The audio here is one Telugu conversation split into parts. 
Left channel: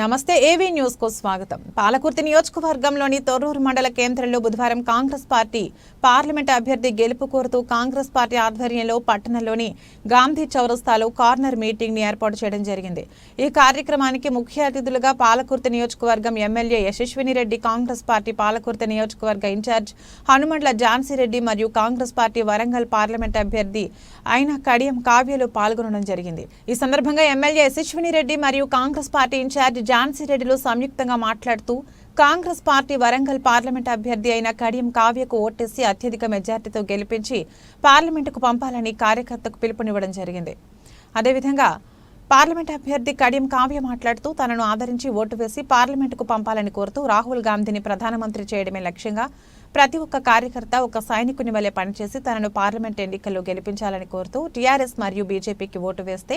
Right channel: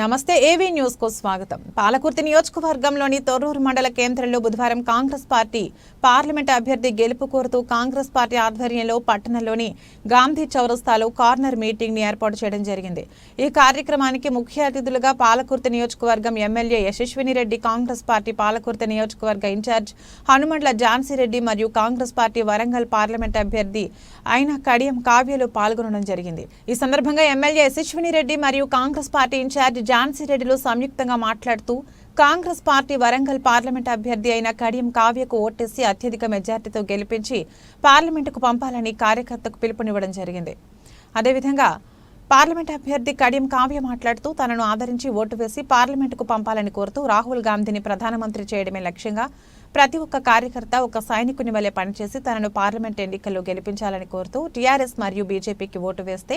నమస్తే ఏవీ న్యూస్కు స్వాగతం. పాలకుర్తి నియోజకవర్గంలోని తొర్రూరు మండల కేంద్రంలో బుధవారం కాంగ్రెస్ పార్టీ పార్లమెంట్ అభ్యర్థి గెలుపు కోరుతూ కాంగ్రెస్ పార్టీ ఆధ్వర్యంలో పట్టణంలోని గాంధీ చౌరస్తాలో కార్నర్ మీటింగ్ని ఏర్పాటు చేయడం జరిగింది. ఈ కార్యక్రమానికి ముఖ్య అతిథులుగా పాలకుర్తి నియోజకవర్గం ఎమ్మెల్యే యశస్విని రెడ్డి కాంగ్రెస్ పార్టీ పాలకుర్తి నియోజకవర్గ ఇన్ఛార్జ్ హనుమండ్ల ఝాన్సీ రెడ్డి మరియు కాంగ్రెస్ పార్టీ వరంగల్ పార్లమెంట్ అభ్యర్థి అయిన కడియం కావ్యలు పాల్గొనడం జరిగింది. ఈ సందర్భంగా ఎమ్మెల్యే యశస్విని రెడ్డి మరియు కాంగ్రెస్ పార్టీ ఇన్ఛార్జ్ ఝాన్సీ రెడ్డిలు సంయుక్తంగా మాట్లాడుతూ కాంగ్రెస్ పార్టీ వరంగల్ పార్లమెంట్ అభ్యర్థి అయిన కడియం కావ్యకు ఓటేసి అత్యధిక మెజార్టీతో గెలిపించి పార్లమెంటుకు పంపాలని కార్యకర్తకు పిలుపునివ్వడం జరిగింది. అదేవిధంగా పార్లమెంట్ అభ్యర్థి కడియం కావ్య మాట్లాడుతూ తనను ఆదరించి ఓటు వేసి పార్లమెంటుకు పంపాలని కోరుతూ రాహుల్ గాంధీని ప్రధానమంత్రి చేయడమే లక్ష్యంగా ప్రతి ఒక్క కార్యకర్త ఒక సైనికుని వలె పనిచేసి తనను పార్లమెంట్ ఎన్నికల్లో గెలిపించాలని కోరుతూ టీఆర్ఎస్ మరియు బీజేపీకి ఓటు వేస్తే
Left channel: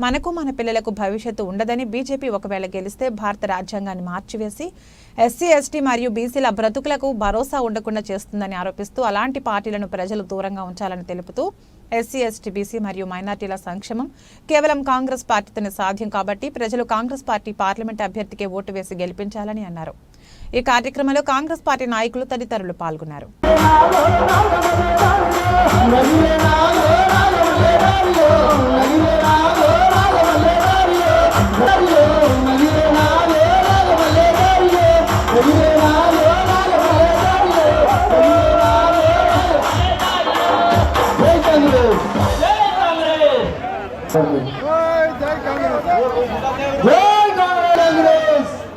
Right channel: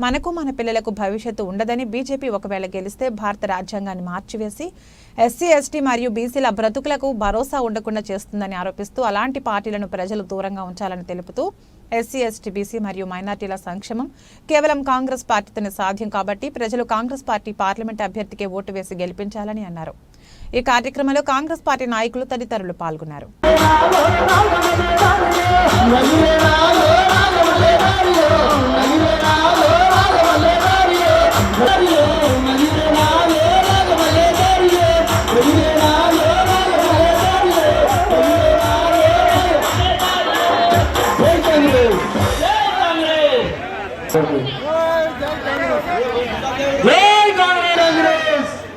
మనకు మన పిల్లలకు భవిష్యత్తు ఉండదని బీజేపీ ఒకవేళ గెలిస్తే భారత రాజ్యాంగాన్ని మార్చివేసి ఎస్సీ ఎస్టీ మరియు బీసీల బ్రతుకులకు భరోసా ఉండకుండా చేస్తుందని ఆరోపిస్తూ అలాంటి పార్టీలను ప్రజలు దూరంగా ఉంచాలని తెలుపుతూ ఎస్సీ ఎస్టీ బీసీ మరియు మైనార్టీల సంక్షేమం. కేవలం కాంగ్రెస్ పార్టీతోనే సాధ్యం కాబట్టి ప్రజలు కాంగ్రెస్ పార్టీ పార్లమెంట్ అభ్యర్థికే ఓటు వేసి గెలిపించాలని అన్నారు. ఈ కార్యక్రమంలో కాంగ్రెస్ పార్టీ నాయకులు తదితరులు పాల్గొన్నారు.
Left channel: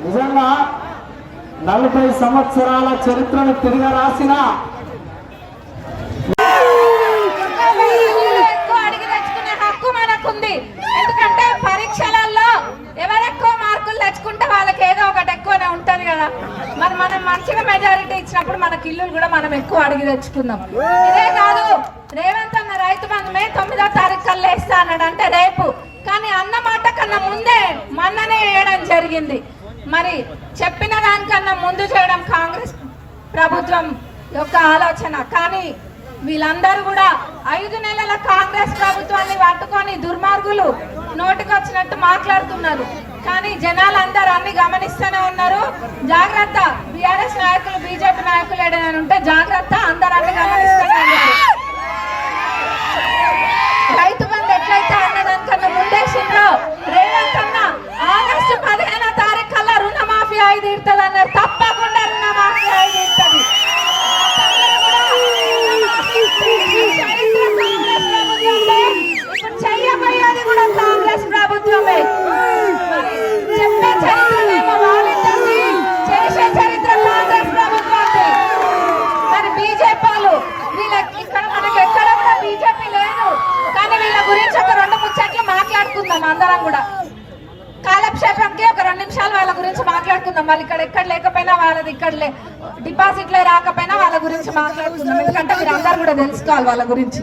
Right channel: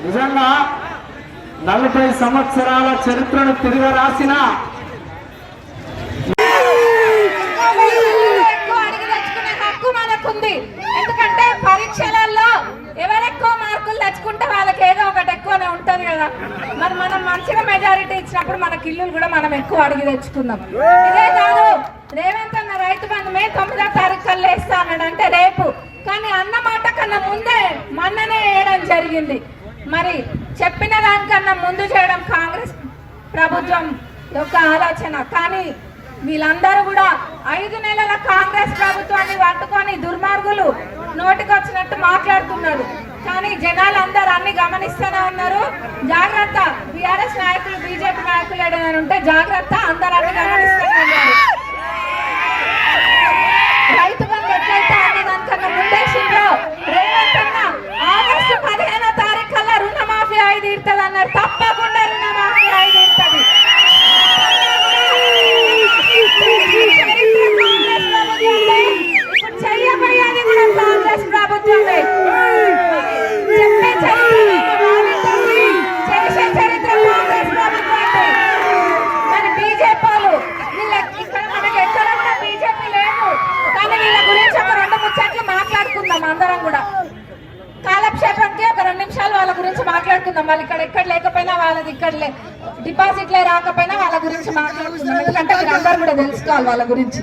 నిజంగా నలభై సంవత్సరాల చరిత్రను తిరిగి రాసిన ఎందుకంటే పరీక్షలలో ఎవరెక్కువ మార్కులు తెచ్చుకుంటే వాళ్ళకి ఎక్కువనే ఉంటుంది కదా. మరి మనం మంచిగా మెజారిటీ ఇచ్చినప్పుడు మనకి ఇల్లులు కూడా మనం ఎక్కువ అడిగి తెచ్చుకుందాం. ఇదే కాదు రేవంత్ అన్న రైతు బంధు మే తొమ్మిదో తారీఖు కల్లా వేస్తా అన్నాడు అంటే రేపు. కానీ అన్న మాట కన్నా ముందే మొన్ననే వేయడం జరిగింది. మరి చెప్పిన దానికన్నా ముందు చేయడం కాంగ్రెస్ ప్రభుత్వం యొక్క ఆలోచన. కానీ వీళ్ళందరూ కూడా ఐదు నెలల కాంగ్రెస్ ప్రభుత్వాన్ని పట్టుకొని దుర్మార్గులు నోటికొచ్చినట్టు మాట్లాడుతున్నారు. కానీ జనాలు అందరు అన్ని గమనిస్తూనే ఉన్నారు. జాగ్రత్త బీఆర్ఎస్ నాయకులు బీజేపీ నాయకులు ఏదైనా ఉంటే జాగ్రత్త అందరూ అన్ని గమనిస్తూనే ఉన్నారు రైతు బంధు ఎట్లయితే అన్నదానికన్నా ముందేసిందో రేవంత్ అన్న ఆగస్టు పదిహేనో తారీఖు కల్లా రుణమాఫీ ఐదు ఇడుతుంది అన్నారు తప్పకుండా రుణమాఫీ ఐదు ఇడుతుంది ఇప్పుడు చెయ్యబోయేది కూడా కాంగ్రెస్ ప్రభుత్వమే చెప్పే చరిత్రనేమో వాళ్ళిద్దరిది, చేసే చరిత్ర కాంగ్రెస్ ప్రభుత్వాన్ని మరి బీజేపీ వాళ్ళు వీళ్ళ ఇక్కడ మనకి ఎక్కడ కూడా బీజేపీ లేదు కానీ వీళ్ళ గురించి ఒక రెండు ముచ్చట్లు మాట్లాడుకుందాం అందరం కూడా కాలక్షేపంకి ఒక రెండు నిమిషాలు వాళ్ళ గురించి మాట్లాడుకుందాం. మరి ఇక్కడ ఎక్కడ లేకపోయినా వాళ్ళది ఇక్కడ డిపాజిట్లే రాకపోయినా వాళ్ళ గురించి మాట్లాడుకుందాం. ఎందుకంటే మీరు అందరూ కూడా తెలుసుకోవాలి వాళ్ళ గురించి.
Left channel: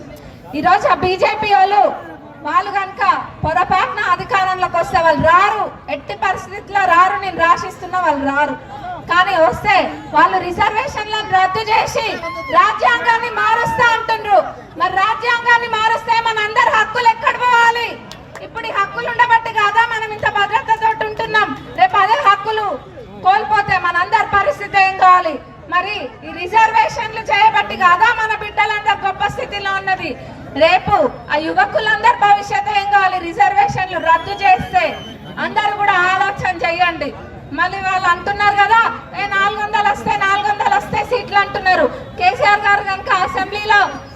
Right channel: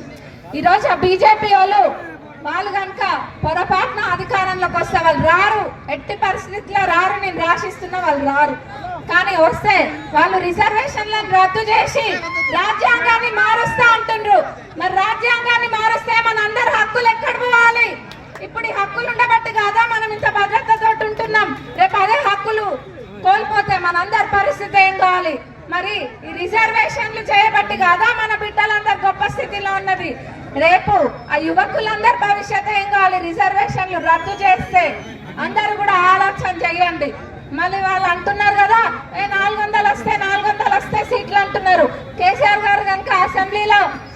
ఈ రోజు ఆ బీజేపీ వాళ్ళు వాళ్ళు కనుక పొరపాటున అధికారంలోకి వస్తే వాళ్ళు రారు. ఎట్టి పరిస్థితుల్లో రారు నేను రాసిస్తున్నా వాళ్ళు రారు. కానీ వస్తే వాళ్ళు రిజర్వేషన్లను రద్దు చేసి రాజ్యాంగాన్ని మారుస్తారు పరిస్థితి మరి ఈ రిజర్వేషన్లు చేయబట్టి కాదా మన బిడ్డలందరూ గొప్ప స్థితిలో ఉన్నది. రేపు ఆ యువకులందరూ భవిష్యత్తు ఏం కావాలి? రిజర్వేషన్లు రద్దు చేస్తే అందరు కూడా ఆలోచన చెయ్యండి మళ్ళీ వాళ్ళు అంటున్నారు కదా నాలుగు వందలు వస్తే నాలుగు వందలు వస్తే సీట్లు అంటున్నారు. కేసీఆర్ గారు కనుక అసెంబ్లీలో